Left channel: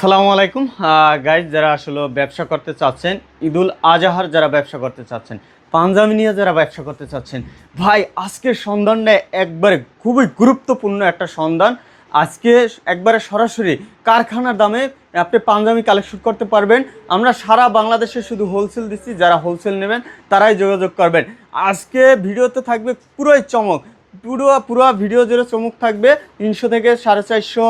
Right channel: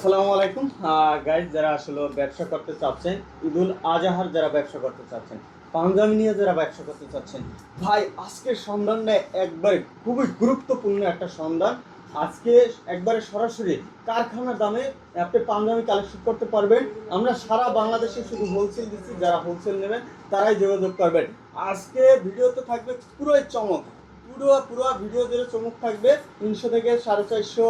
আসসালামু আলাইকুম গাইজ, যারা আসলে ব্যবসা করতে চাচ্ছেন, ঈদুল আজহার যারা ব্যবসা করতে চাচ্ছেন, পাঞ্জাবি নিয়ে যারা ব্যবসা করতে চাচ্ছেন, ভাই আজকের সন্ধানটা একবারে খুবই গুরুত্বপূর্ণ একটা সন্ধান। আজকে একবারে সরাসরি কারখানার দামে আপনি পাঞ্জাবি কালেকশন করতে পারবেন। আমরা সারা বাংলাদেশে শুধু হোলসেল দিচ্ছি, যারা হোলসেল নেবেন তারাই যোগাযোগ করবেন। আজকে ভিডিওতে থাকবে পুরোই চমক, পুরো ভিডিও জুড়ে চমক থাকবে। 300 থেকে 450,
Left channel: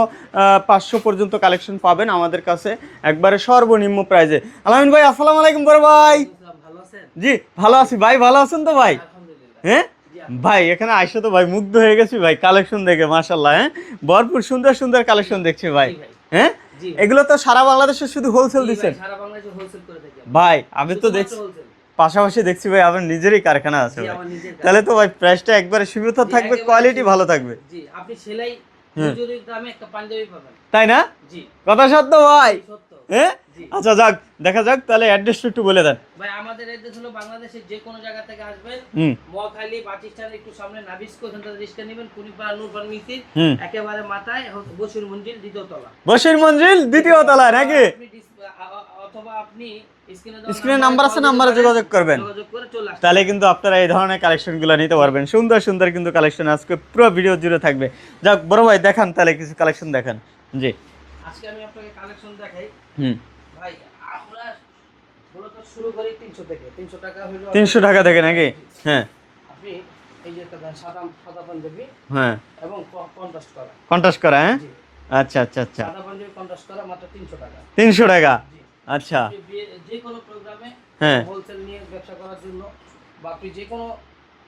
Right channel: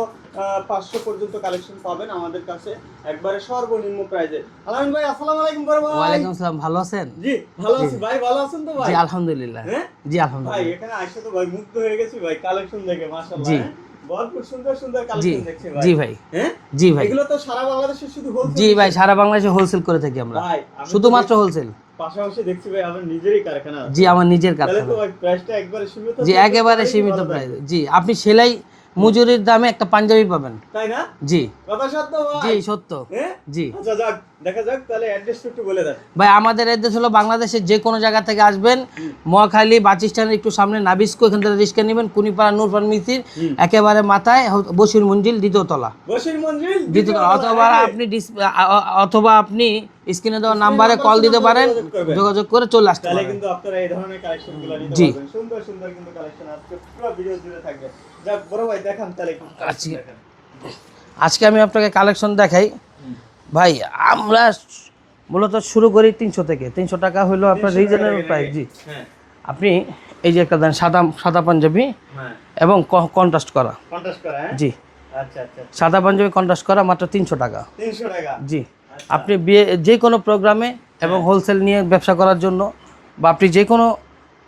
500 পর্যন্ত কালেকশন পাবেন আমাদের কাছে একবারে সর্বনিম্ন প্রাইজে। আলামিন ভাই, আসসালামু আলাইকুম। বড় ভাই, ভালো আছেন? জি ভালো আছি ভাই। ভালো আছেন তো ভাই? আলহামদুলিল্লাহ। হ্যাঁ জি ভাই, এখানে আইসা তো ভাই মুগ্ধ হয়ে গেছি ভাই কালেকশন দেখে, মাশাআল্লাহ। হ্যাঁ, ভরপুর সুন্দর সুন্দর কালেকশন দেখছি ভাই। জি ভাই। হ্যাঁ জি ভাই, এগুলো তো সারা বাংলাদেশে শুধু হোলসেল? জি ভাই, সারা বাংলাদেশে হোলসেল করে থাকি আমরা ভাই। আমি শুধুমাত্র হোলসেল। পাশাপাশি দেখছি ভাই আপনার নিজেরই কারখানা আছে। জি, আমার নিজের কারখানা। তাহলে তো ভাই প্রাইসটা একবারে সীমিত থাকবে, একেবারে কোয়ালিটি ভালো থাকবে। জি, আপনি সেলাই মজুরির দামে একটা পাঞ্জাবি পাবেন, তাই না? জি, কথা সত্য ভাই? জি সত্য। হ্যাঁ জি। আচ্ছা যাক, দেখা যাক তাহলে অ্যাড্রেসটা একটু বলে দেন ভাই। আমাদের অ্যাড্রেস হলো বাংলাদেশের যে কোনো জায়গা থেকে আসবেন, মহাখালী বাস স্ট্যান্ডের একটু সামনে নাবিস্কো, এখান থেকে রিক্সা নেবেন, কুনিপাড়া নূর ফার্মেসির একেবারে মাথায় বশির মঞ্জিল, দ্বিতীয় তলা। বশির মঞ্জিল দ্বিতীয় তলা নাকি? আপনি অথবা আপনি স্ক্রিনে দেওয়া নাম্বারে কল দিতে পারেন, যোগাযোগ করে চলে আসতে তাহলে পারেন। কিন্তু আপনারা এই ধরনের কালেকশনগুলো নিতে পারবেন। সুন্দর সুন্দর কিন্তু কালেকশন আজকে পুরো ভিডিও জুড়ে থাকবে। যাক বড় ভাই, দেখান তাহলে কিছু কালেকশন দেখান। জি, আজকে আমি আপনাকে কালেকশন দেখাই। ভাই আমরা মূলত শুরু করি 300 থেকে। 300 টাকা হলো 300 টাকা থেকে নাকি? হ্যাঁ, আপনি এই যে একটা দেন সাদা পাঞ্জাবি, হ্যাঁ, এবং কন্ট্রাস্ট করা। কন্ট্রাস্ট করা? হ্যাঁ, জি। আচ্ছা আচ্ছা আচ্ছা। সাদা পাঞ্জাবি কন্ট্রাস্ট করা মাত্র 300 টাকা। 300 টাকা? জি। আচ্ছা। আপনি বিয়ে যে কোনো প্রোগ্রামে এবং হোলসেল নিয়ে ব্যবসা করার জন্য, বা আপনি যে কোনো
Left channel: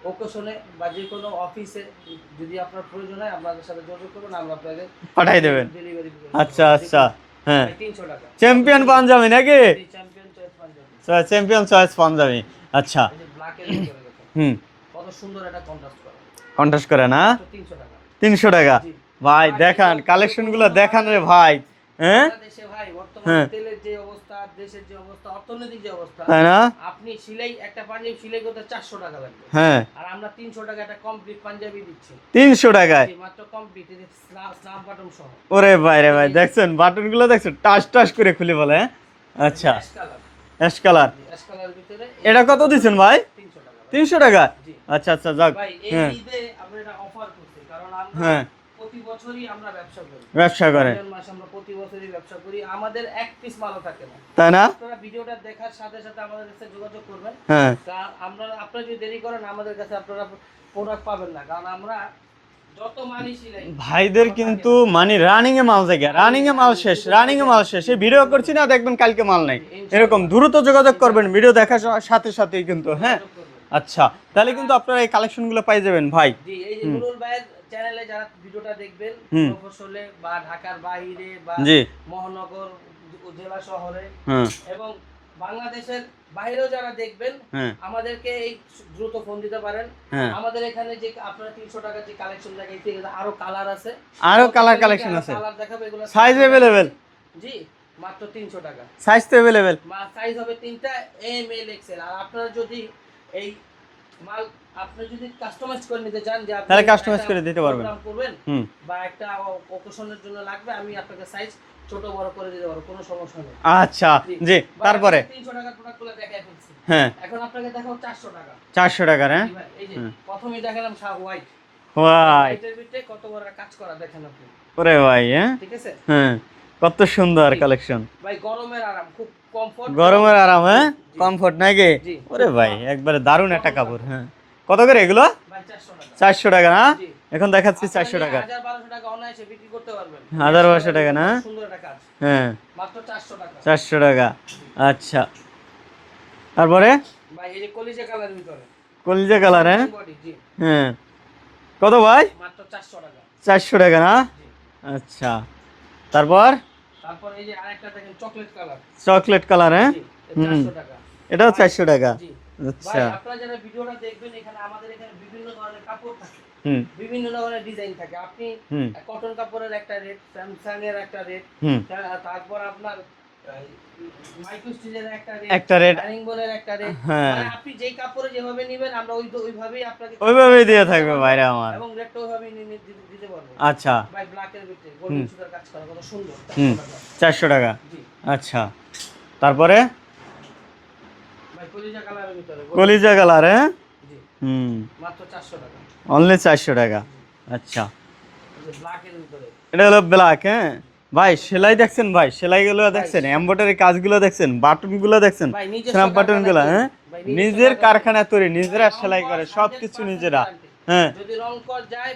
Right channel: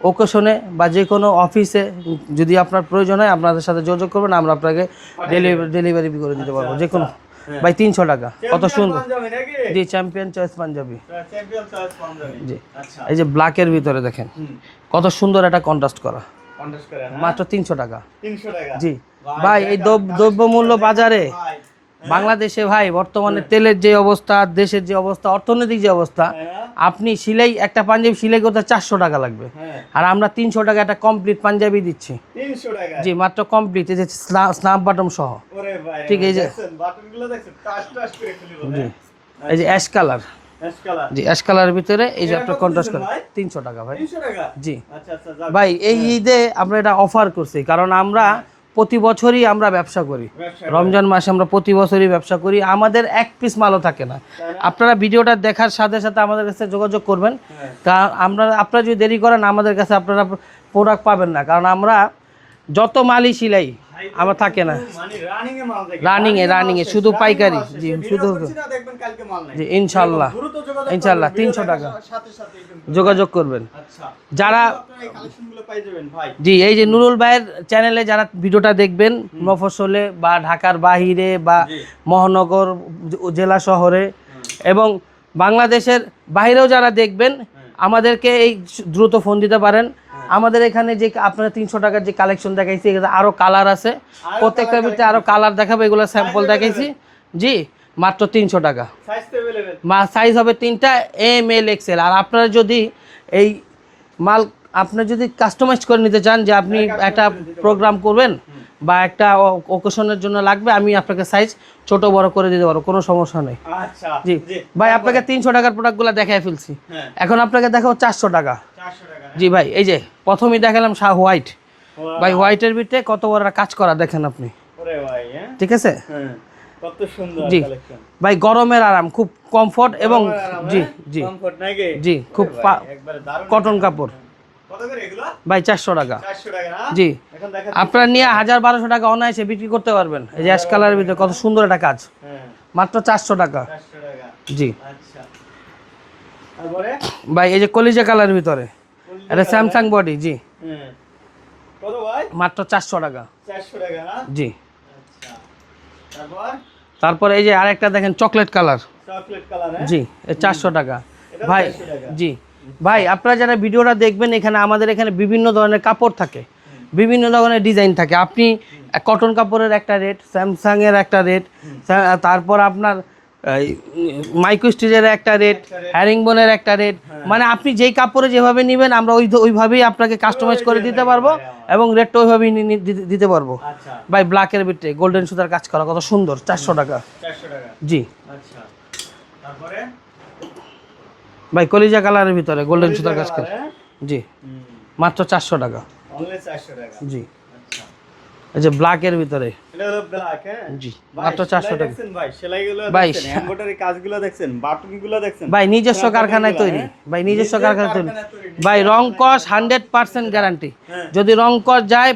ওকেশনে বা যে কোনো অফিসে যদি আপনার প্রয়োজন হয় আপনাদের সাথে যোগাযোগ করবেন, আমরা আপনাকে ডেলিভারি করে দিতে পারবো। যে কোনো ভাই 300 টাকা। চ্যাম্পিয়ন পাঞ্জাবি নাকি? জি, champion choice Punjabi. Champion choice Punjabi. আচ্ছা। এই যে ব্ল্যাকের ভিতরে দেখেন কত সুন্দর একটা কন্ট্রাস্ট করা। কন্ট্রাস্ট করে না? মাত্র 300 টাকা। 300 টাকা? জি ভাই এই দ্রব্যমূল্য বাজারে ভাই, বাংলাদেশে ভাই বর্তমানে তেলের যে অবস্থা, দেশের যে অবস্থা, অর্থনৈতিক যে অবস্থা, আপনি সিলাই একটা পাঞ্জাবি সিলাই করতে 400 টাকা লাগবে, আর আমরা 300 টাকা একটা কমপ্লিট পাঞ্জাবি দিচ্ছি। 300 টাকা? জি, মাত্র কমপ্লিট, এই যে স্ন্যাপ বাটন সহ। ওরে ভাই রে ভাই, দেখছেন বাটনগুলো দেখছেন টাচ টাচ করে খুলে বলে। এই যে অ্যাশ কালার। Ash colour? জি, অ্যাশ কালারের ভিতরে। এটা কত দিবেন ভাই? 300 টাকা ভাই। 300 টাকা? জি। আচ্ছা আচ্ছা যাক ভাই, এই ঈদে আমরা এটা অফার করছি, কারণ আমরা প্রতি বছরই আমরা ব্যবসা করি। রমজান মাসে আমরা প্রতি বছরই ব্যবসা করি, আমাদের এক পিস মালও থাকে না। আপনারা ভিডিওটা দেখার সাথে সাথে আমাদের কাছে যোগাযোগ করবেন, কারণ আপনারা যদি দেরি করেন আমাদের কাছে আপনারা প্রোডাক্ট পাবেন না, কারণ আমরা যত মালই সিলাই ভাইদের কিন্তু মানে রানিং এ মাল থাকে, রানিং এ মাল শুধু পাইকারি। সে ভিডিও করছি না, দেখবেন কালকে মাল নাই। এরকম দ্রুত যোগাযোগ করবেন, ভিডিও দেখার সাথে সাথেই কিন্তু যোগাযোগ করবেন। আচ্ছা, যারা কিন্তু আপনারা এই কালেকশনগুলো পাই যাবেন ভাই। জি, এই যে নুরুল ভাইয়ের চ্যানেলে যারা ভিডিওটা দেখবেন, মফস্বলে বা ঢাকার বাহিরে বা মহানগর জেলা শহরে এবং বাংলাদেশের বাইরেও যারা দেখবেন, আমাদেরকে এই দ্রুত ফোন দিতে পারেন। আমাদের এখানে যে আপনারা 300 টাকার যে কালেকশন দেখাইছি, আরো কালার আছে, আরো কালার দেখাবো, এগুলো স্যাম্পল দেখাইছি। জি, মাত্র 300 টাকা। সাইজ তো अवेलेबल? সাইজ হবে 3টা, এম এল এক্সেল। আর আপনারা যদি এই মাল আপনি যদি কাস্টমাইজ করে নিতে চান, যে আপনি একটা প্রোগ্রাম করবেন বা একটা ওকেশনের জন্য লাগবে, আমি আপনাকে সাইজ ছোট বড় করে দিতে পারবো, কোনো সমস্যা নেই। আচ্ছা জি ভাই, আপনাকে 300 টাকার প্রোডাক্টগুলো দেখাই ফেলছি, এখন আপনাকে দেখাও 400 টাকা। 400 টাকা? জি ভাই, এই যে প্রথমেই দেখালাম হোয়াইট। ভাই, হোয়াইটের ভিতরে কত বড় কাজ করা দেখেন আপনি। ওরে ভাই, ঠিক আছে, কত সুন্দর কালেকশন ভাই। গরমের আরাম, খুব কমফোর্ট, গরমের আরাম, কমফোর্ট নাকি? জি, ওরে ভাই একবারে দারুণ একটা কটন কাপড়। কত করে এগুলো? ভাই 400 টাকা। 400 টাকা না? জি, এখন দেখাচ্ছি আপনারা নিয়ে 1000-1200 টাকা অনায়াসে বিক্রি করতে পারবেন। এই অ্যাশ কালারের ভিতরে কত সুন্দর একটা কাজ, মাত্র 400 টাকা। 400 টাকা? জি। আচ্ছা, তারপরে ভাই এই যে কলিজা কালারের ভিতরে, কলিজা কালার, স্যামসাং বডি। জি, কত ভাই? মাত্র 400 টাকা। 400 টাকা না? জি। আচ্ছা, তারপর এই যে আরেকটা দেখেন চকলেট কালার। Chocolate colour? জি, 400 টাকা। এটাও 400 টাকা? জি ভাই, আপনারা যারা ভিডিওটা দেখবেন, এখানে আমাদের এখানে বিভিন্ন ধরনের কাপড় থাকে, বিভিন্ন ধরনের ডিজাইন থাকে। আপনি কটন কাপড়ের একটা রেট, স্যামসাং এর একটা রেট, তারপর আপনার মাইক্রো স্টিচের একটা রেট, একটা রেট, হ্যারিংবোনের একটা রেট, হ্যাঁ। মানে আপনি যেই কাপড়ে যেভাবে নেবেন আমরা ওইভাবেই আপনাকে কাস্টমাইজ করে দিতে পারবো এবং রেটটা ওইভাবেই দিতে পারবো। আচ্ছা ভাই ব্ল্যাকের ভিতরে গোল্ডেন সুতার কাজ করা, কত সুন্দর, 400 টাকা। 400 টাকা, জি। আচ্ছা তারপরে ভাই কলিজা কালারের ভিতরে গোল্ডেন কলিজা কালার, হ্যাঁ জি, মাত্র 400 টাকা, অনলি 400 টাকা। জি। আচ্ছা এই যে ব্ল্যাকের ভিতরে, এটা হলো ব্ল্যাক, হ্যাঁ জি। ভাই মাত্র 400 সেলাই টাকা। দেখছেন ভাই, সেলাইগুলো ভাই, দেখছেন, এমব্রয়ডারি কাজগুলো দেখছেন, বাটনগুলো দেখছেন, ভাই নিজস্ব snap কারখানায় button গুলো, তৈরি, হ্যাঁ? ভাই নিজস্ব নিজের কারখানায় কারখানায় তৈরি, নিজেরা ভাই রং সেলাই কস করে, 100% সবকিছু গ্যারান্টি। হ্যাঁ। যদি রং কস যায়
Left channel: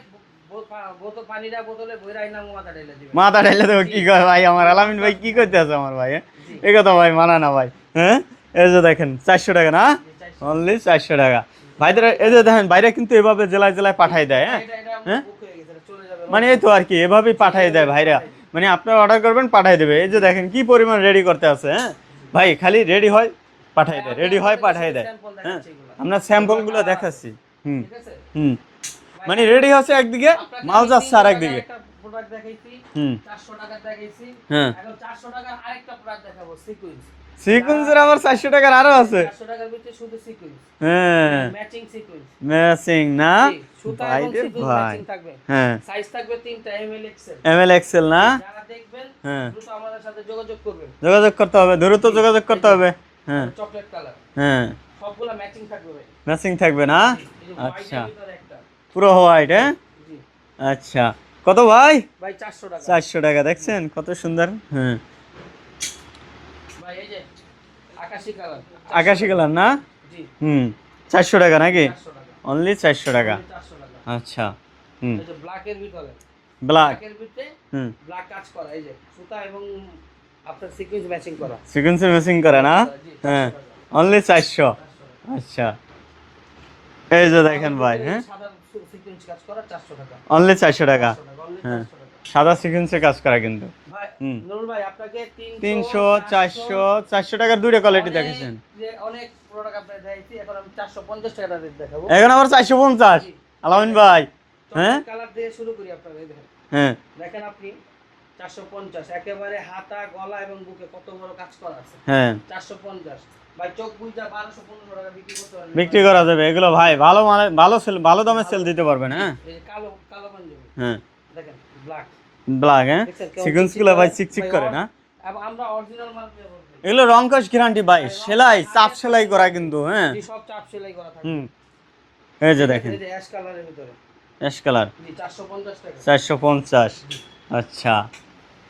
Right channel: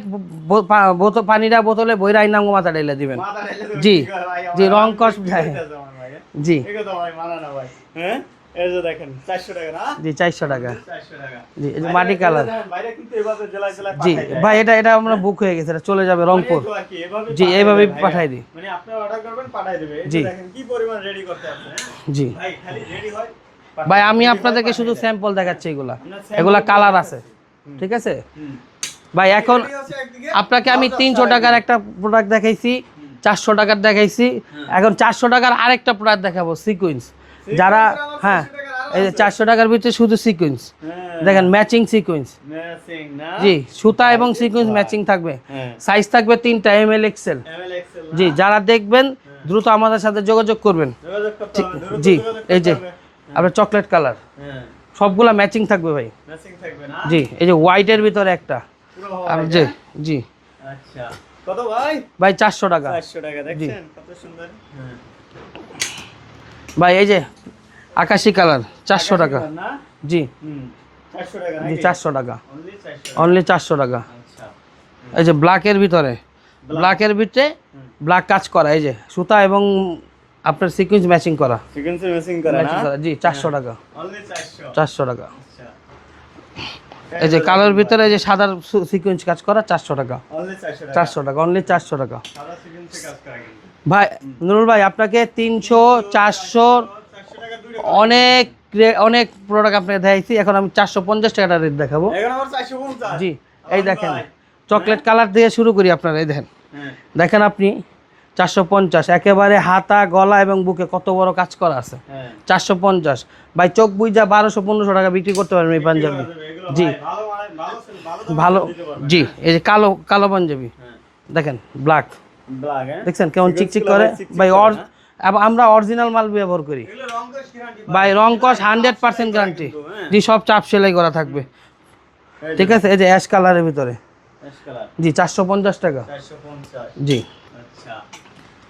পানিটা বোতলে বইরা আইনা মাথা ঢেলে দিবেন। মাথা ঢেলে দেবো, জি। কি করে ভাই আমার জি, রং আলামিন ভাই কস, কি হ্যাঁ। করতে আছে আমার ভাই, হ্যাঁ? জি এই কথা ভাই মানা না ভাই, হ্যাঁ এই যে দেখেন 400 টাকা না, জি 400 টাকা। অনলি 400 টাকা। জি, এই যে বাইরে মাটি এই যে কালার। দেখেন বাইরে কিন্তু এভাবে জেলায় জেলায় জি, পাঠাই দেয়, ভাই হ্যাঁ? এটা আমরা বুক হয়ে গেছে, এটা চলে যাবে মানে এই রংপুর। তো আর কি এভাবে জি, পাঠাই এভাবে দেয় ভাইরা, পাঠাই দিই। মানে আপনারা অর্ডার করবেন পাঠাই দেবে। এই যে জি। দেখেন কি পরিমাণ রেডি করতে আছে, হ্যাঁ জি ভাই খালি রেডি হয় পাঠাই ভাই দেয়, আমি ready হয়, আপনাদেরকে পাঠাই শুধু দেয়। স্যাম্পল দেখাচ্ছি, এগুলা আমরা স্যাম্পল এগুলা কালার আছে, দেখাচ্ছি, ঠিক আছে হুম ভাই। মানে এখন রেডি হচ্ছে একদিকে, আপনাকে আমি ব্লাউজ 300 আসছে টাকার আরেকদিকে। একটা প্রোডাক্ট দেখাইছি, হুম। 400 টাকার দেখাইছি, হ্যাঁ। এখন 400 টাকার আরেকটা প্রোডাক্ট দেখাবো, সিকোয়েন্স। সিকোয়েন্সের আবার 400 টাকার আরো আছে, 400 টাকার ভিতরে শুধু সিকোয়েন্স, হ্যাঁ দেখেন ম্যাচিং সিকোয়েন্স, ম্যাচিং না, জি সুতা ভাই এবং রে সিকোয়েন্স ভাই। ম্যাচিং থাকবে, হ্যাঁ সাইজ থাকবে 3টা এমএল এক্সেল। এমএল এক্সেল না, জি, যারা দেখবেন হ্যাঁ। দ্রুত আমাদের সাথে যোগাযোগ করবেন। যোগাযোগ করতে হবে, দ্রুত জি, যোগাযোগ এই করতে যে, হবে, হ্যাঁ আবার চকলেট কালার, হ্যাঁ সবগুলা ম্যাচিং থাকবে ভাই। ম্যাচিং থাকবে না, জি, এই যে হোয়াইটের ভিতরে একটা, পুরো হোয়াইট, জি, হ্যাঁ জি আচ্ছা কত ভাই? ভাই 400 টাকা। 400 টাকা, দেখছেন কত সুন্দর, হ্যাঁ ভাই এই যে আকাশি কালার 400 আকাশি টাকা, কালার না, জি 400 টাকা নাকি, 400 টাকা, অনলি 400 টাকা, অনলি 400 টাকা। আচ্ছা এই যে ব্ল্যাকের ভিতরে, ব্ল্যাকের ভিতরে ব্ল্যাক কাজ করা, এই যে সুতা এবং আপনার সিকোয়েন্স ম্যাচিং করা, সিকোয়েন্সে ম্যাচিং করে না, জি 400 টাকা, অনলি 400 টাকা। আচ্ছা এই যে কালার ভিতরে এই যে সাদা সিকোয়েন্স কাজ করা 400 টাকা, অনলি 400 টাকা, 400 টাকা, অনলি 400 টাকা। সাদা সিকোয়েন্সে কাজ করা কিন্তু ভাই নুরুল ভাই আপনাকে 300 400 400 টাকার দুইটা কোয়ালিটি অনেক অনেক প্রোডাক্ট আপনাকে দেখাইছি, এখন আমি 450 টাকাটা রেট দেখাবো। এখন আবার 450, জি, আলামিন ভাই চকলেট কালার দিয়ে শুরু করি আপনারা, এই দেখেন, হ্যাঁ দেখেন আপনি 450 একেবারে হাতা গলা এবং বুকে কত বড় কাজ করা আছে, হ্যাঁ 450 ভাই চোখ বুইজা 1200-1500 টাকা বিক্রি করতে পারবেন এই বিক্রি করা পাঞ্জাবি। যাবে এগুলো ভাই, ভালো মানে ভালো সেল, ভালো দামে ভালো সেল দিতে পারবেন, জি, হ্যাঁ এই যে কালো কালো পাঞ্জাবি হ্যাঁ দেখেন ব্ল্যাক, ব্ল্যাক, হ্যাঁ দেখছেন কেমন Sequence চিকচিক গুলো করে চিকচিক ভাই, করে না? আমরা অরিজিনাল মাল ব্যবহার করি এগুলো রং কস গ্যারান্টি ভাই, ভাই, রং সেলাই, কস চাপ 100% সেলাই করা গ্যারান্টি, কিন্তু, হ্যাঁ জি সব চাপ সেলাই করা থাকবে, এই যে ঠিক আছে। এই যে অ্যাশ কালারের ভিতরে, অ্যাশ কালার জি 450 টাকা, 450, জি। আচ্ছা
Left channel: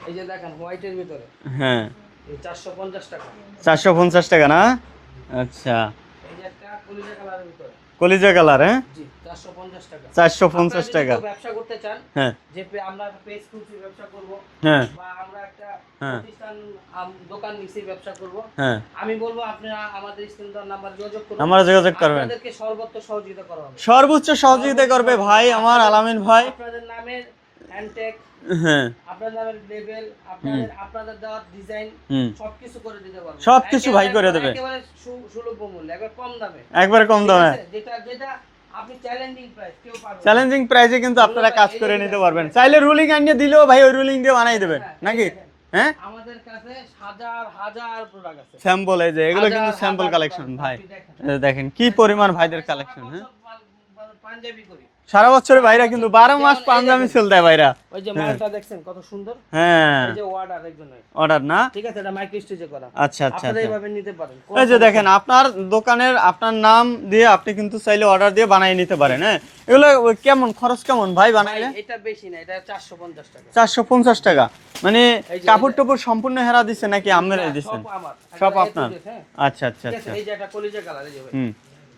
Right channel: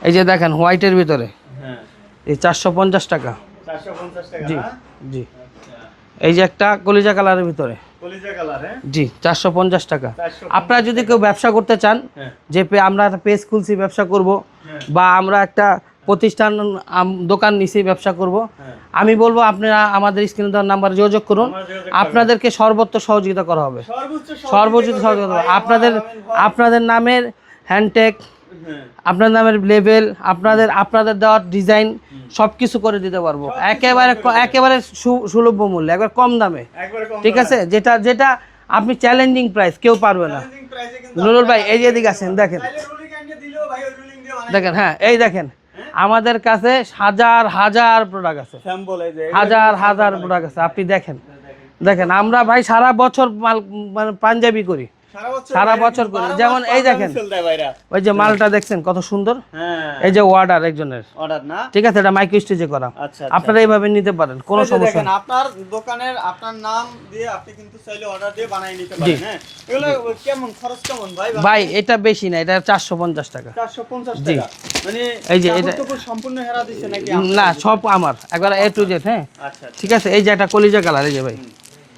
এই যে দেখেন হোয়াইটের ভিতরে, হ্যাঁ এই 450 টাকা, 450 টাকা না, জি। আচ্ছা এই যে একটা কলিজা কালারের ভিতরে, কলিজা কালার, হ্যাঁ জি 450 টাকা। 450 আপনারা যদি কেউ ব্যবসা করতে চান, হ্যাঁ যে আমরা একটা পেজ খুলছি ব্যবসা করব, হ্যাঁ বা আমরা একটা প্রতিষ্ঠান দোকান নিছি ব্যবসা করব, হ্যাঁ আমি বলবো আপনারা আমাদের স্ক্রিনে দেওয়া নাম্বারে যোগাযোগ করুন, আমরা যোগাযোগ করব, আপনাদেরকে সর্বোচ্চ সহযোগিতা করা হবে, সর্বোচ্চ সহযোগিতা করবে ভাই আমার আপনাদের আলামিন ভাই, আপনাদের নামের হ্যান্ডটেক, হ্যাঁ আপনার নামের লেভেল, আপনাদের দেওয়ার ডিজাইন সবকিছু করে দিতে পারবো, সবকিছু একেবারে ভাই করে দেবে। একেবারে সুলভ মূল্যে, একবার কম দামে, একবারে কম ঠিক দামে, আছে, যেটা যেটা আপনি চ্যালেঞ্জিং প্রাইস কেউ পারবে না। চ্যালেঞ্জিং প্রাইসে কিন্তু নুরুল আপনারা ভাই, কাজ এই যে করে দিকে নিতে আছেন, পারবেন। দেখেন। চাইলে রুলিং আনিয়ে দিলেও ভাই ওই রুলিং দিয়ে বানাই দেখেন, দেবে, হ্যাঁ এই দেখেন, হ্যাঁ আমাদের কাছে হাজার হাজার প্রোডাক্ট আছে, স্যাম্পল, এই যে এগুলো হাজার কিন্তু sample হাজার collection প্রোডাক্ট আছে, ভাই। আপনি দেখেন, এই যে দেখেন কি দেখেন পরিমাণ আমরা ভাই ভাই কাজ সারা করে। বছর মাল মানে পাঞ্জাবি করি, সারা বছর সারা বাইরে বছর কিন্তু করি। 12 যেমন মাস এই পাঞ্জাবি দেখেন। সেল দেয় ভাইরা, ওই যে মালটা দেখছেন কত সুন্দর, হ্যাঁ এই যে অর্ডার একজনের, অর্ডার না, ঠিক আছে, এটা মাইক্রো স্টিচে করা, আচ্ছা আচ্ছা, আপনারা এইভাবে নিতে পারেন, কোনো এই যে সমস্যা দেখেন নেই। আপনার দোকানের আপনার নাম দিয়ে আপনি কিন্তু চাইলে অর্ডার দিয়ে বানিয়ে নিতে পারেন, হ্যাঁ এগুলো কেমন খরচ কেমন ভাই ভাই বানাইলে? এটা বেশি না, এটা 450 টাকা, 450 টাকা, মানে এই যে কাপড় এটা- টাপড় সম্পূর্ণ হেরা দিছে নাকি না আপনারা সব আমার একবার সব এ টু আপনার? জেড, হ্যাঁ আচ্ছা আচ্ছা, ঠিক আছে। এই যে একটা কলিজা কালার, এই যে ভাই,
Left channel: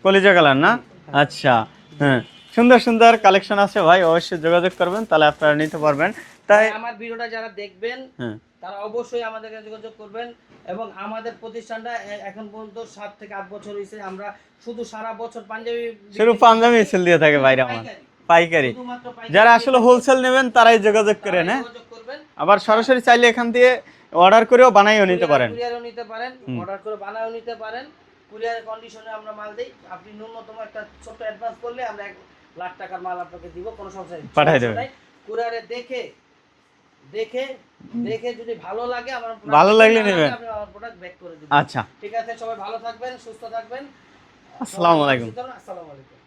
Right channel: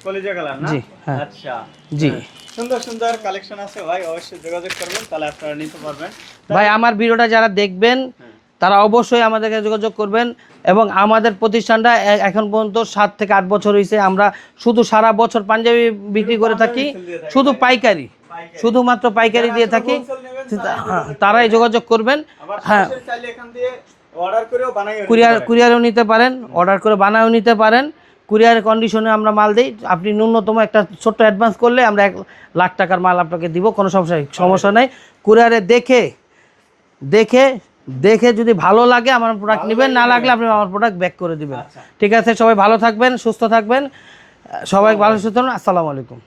কলিজা কালার না, জি, হ্যাঁ। আচ্ছা জি। হ্যাঁ। সুন্দর সুন্দর কালেকশন আছে ভাই, অবশ্যই যোগাযোগ করবেন, তাহলে আপনারা নিতে পারবেন। ভাই আমার ভিডিওটা যারা দেখবেন হ্যাঁ। তারা অবশ্যই আমাদেরকে যোগাযোগ করবেন, এবং আমাদের প্রতিষ্ঠানটা এখন পর্যন্ত 7 থেকে 8 বছর হয়েছে, আমরা শুধু সারা বছর পাঞ্জাবি বিক্রি করে পাঞ্জাবি থাকি, সেল দিয়ে থাকে শুধু ভাইরা। পাইকারি, পাইকারি, শুধুমাত্র পাইকারি যারা দিয়ে আসলে থাকি, হোলসেল নেবেন তারাই যোগাযোগ করবেন, তারাই হ্যাঁ? যোগাযোগ করবেন, আবার সরাসরি চাইলে এখান দিয়ে অর্ডার করেও বানাইও নিতে পারেন, কুরিয়ারও নিতে পারেন, অর্ডার করে বানায়ও নিতে পারেন, কুরিয়ারের কন্ডিশনে আমরা মাল দিই, আপনি ন্যূনতম একটা ছোট্ট অ্যাডভান্স করলে আমরা 1 লাখ টাকার মাল আপনাকে দিব, কোনো সমস্যা পাঠিয়ে দেবেন। নাই। কুরিয়ারে দেখে দেখে যদি ভালো লাগে আমার প্রোডাক্ট ভালো নেবেন, না লাগলে লাগলে আপনি আমার প্রোডাক্ট ব্যাক করে দিবেন। আচ্ছা ঠিক আছে, সবাই ভালো থাকবেন, সুস্থ থাকবেন, সবাই ভালো সুস্থ থাকুন। আসসালামু আলাইকুম।